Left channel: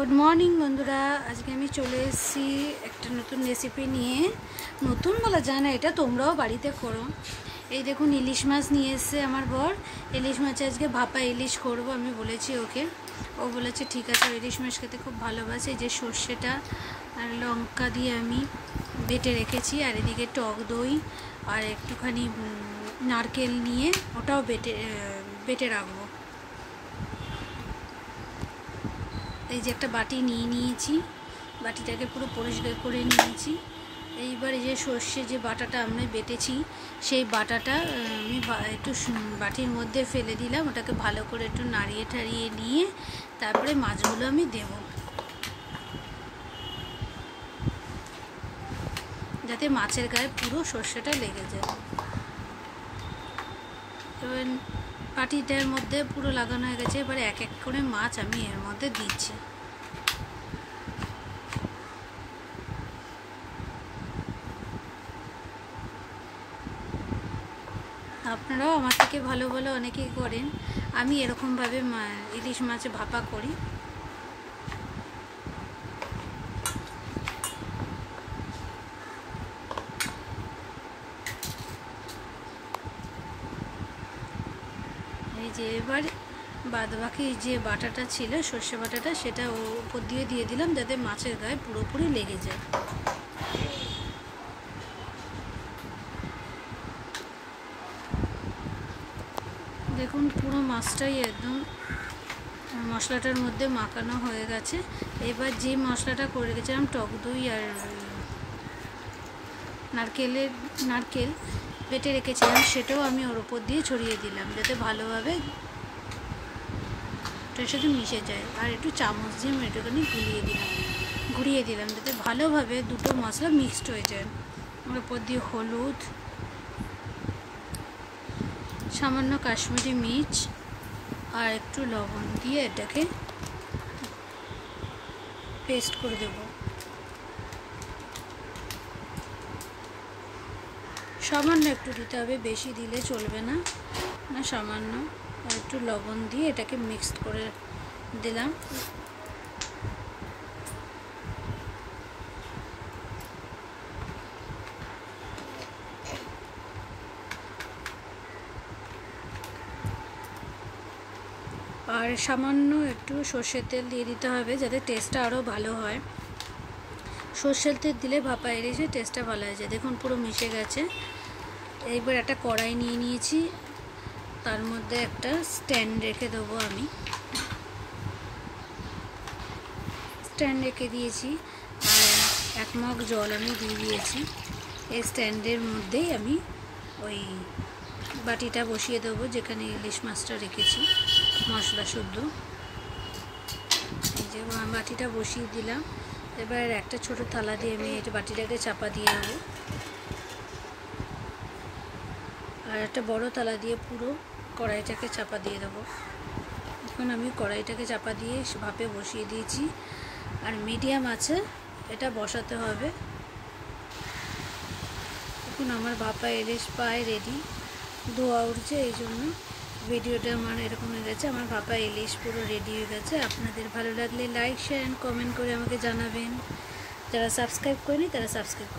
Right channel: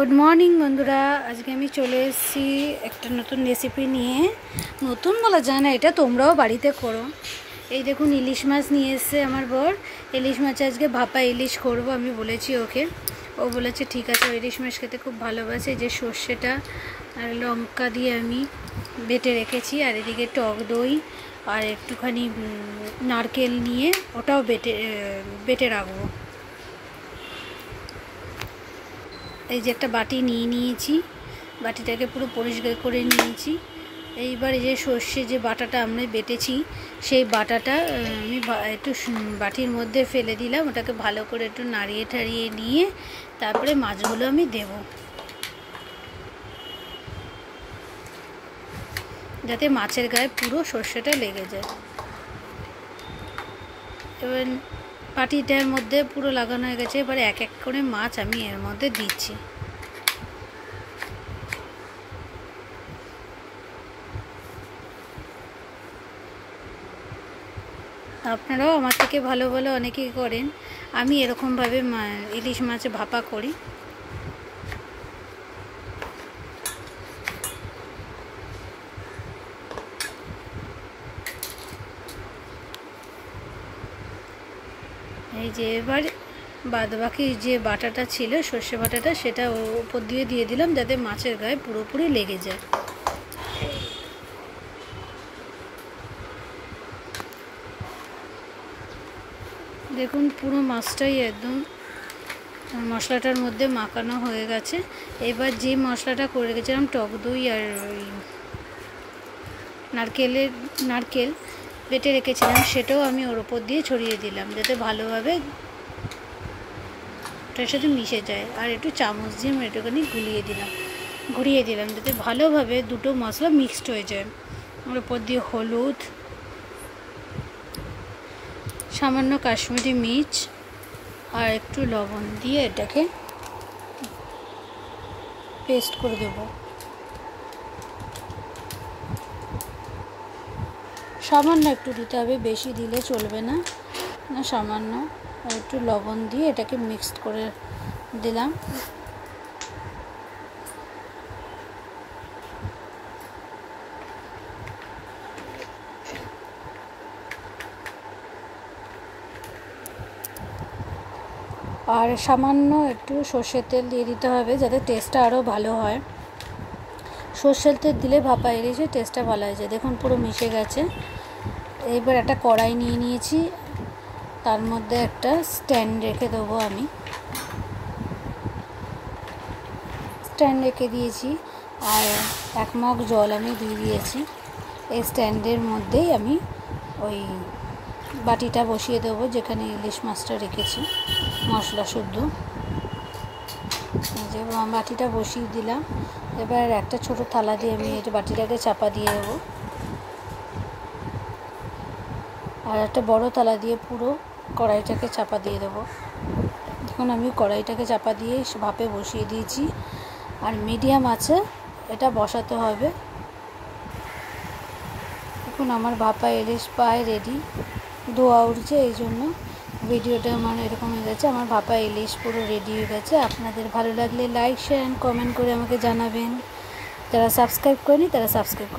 Good morning बंधुरा आज के चले एक नतून रेसिपि निये नतून बला जाए ना ये तोमराओ बाड़ीते करो। ये देखुन इलिश माछ निये एसेছে आमार बर इलिश माछ आज के भापा इलिश करबो आमी बोलेছি ओके ओ बोलेছে ठीक आछे इलिश माछ खेते खूब भालोबासे जे सर्षेटा और लंका दिए आमी बेटे रेखेছি और एदिके टक दई और एकटूखानी नारकेल निये ओटाओ बेटे राखबो। এই যে একটা বাটি নিয়ে নিয়েছি, বাটিটাকে পুরো পরিষ্কার করে নিয়েছি। এইবার এই যে সর্ষে যে বাটাটা আমরা বেটেছি সেই বাটাটা আমি একটু বাটির মধ্যে ফেলে দিলাম, ওটাকে ভালো করে একটু নাড়িয়ে ঠাড়িয়ে নিয়ে তারপরে মাছগুলো আমি দেব, যাতে মাছের গায়ে পুরো সর্ষেটা লেগে যায়। এবার বাটিটার মধ্যে পুরো লাগানো হয়ে গেছে। এবারে এক এক করে মাছ আমি এর মধ্যে দিচ্ছি। আপনারাও আমার থেকে ভালো ভালো অনেকেই করেন, আমি এরকমভাবে ইলিশ মাছ ভাপা করি। এই যে এবার বাদবাকি যে বাটাটা ছিল সর্ষে বাটাটা সেটা উপর দিয়ে দিলাম যাতে মাছের গায়ে পুরোপুরি লেগে যায়। দেখুন পুরো মাছটাই একদম মশলাটার মধ্যে মাখানো হয়ে গেছে। এবার যে মশলাটা করে রেখেছিলাম টক দই আর নারকেল বেটে রেখেছিলাম সেটাও আমি ওর উপর দিয়ে ছড়িয়ে দিলাম যাতে ভালোভাবে ওটার সাথে মিশে যায়। আর একটু চামচ দিয়ে আমি একটুখানি ঘুরিয়ে দিলাম যাতে ভালোভাবে দুটো মশলা মিক্সড হয়ে যায়। ওর উপর দিয়ে হলুদ, সামান্য কাশ্মীরি মির্চ আর একটু লবণ দিয়ে এটাকে পেস্ট করে দেব। সামান্য একটু দিতে হবে, বেশি দিলে চলবে না, সামান্য একটু লবণ দিয়ে এটাকে মিক্সড করে দিলাম। আর সামান্য একটু সর্ষের তেল দিয়ে দিতে হবে যাতে টেস্টটা আরও ভালো হয়। সর্ষের তেল দিলে ভাপা ইলিশের টেস্টটা ভালো হয়েছে। দেখুন পুরো মিশে গেছে। এইবার একটা কড়াই নিয়ে নিয়েছি, তার মধ্যে একটা স্ট্যান্ড রেখে দেবো। আমি স্ট্যান্ড রেখে দিয়েছি আর 1 মগ জল আমি দিয়ে দিয়েছি। এই স্ট্যান্ডের মধ্যেই আমি ওই বাটিটা বসিয়ে দেবো যেখানে ইলিশ মাছটা রেখেছি মশলা শুদ্ধ। এই যে বাটিটা বসিয়ে দিলাম। এবার একটা ছোট থালা দিয়ে আমি এই বাটিটাকে চাপা দিয়ে দেবো আর একটা বড় থালা দিয়ে পুরো কড়াইটাকে চাপা দিয়ে দেবো। এখন আমি কড়াইটাকে চাপা দিয়ে ভাপে বসিয়ে দিয়েছি আর মিডিয়াম আছে এটা বসাতে হবে। এখন আমার ভাপা ইলিশ প্রায় রেডি, ধোয়া উঠছে, এই জন্য ভিডিওটা আমার এরকম হয়ে গেছে। আমার ভাপা ইলিশ পুরো রেডি হয়ে গেছে। আপনাদের ভালো লাগলে লাইক শেয়ার অ্যান্ড কমেন্ট করে আমাকে জানাবেন। যারা সাবস্ক্রাইব করেনি তারা সাবস্ক্রাইব করে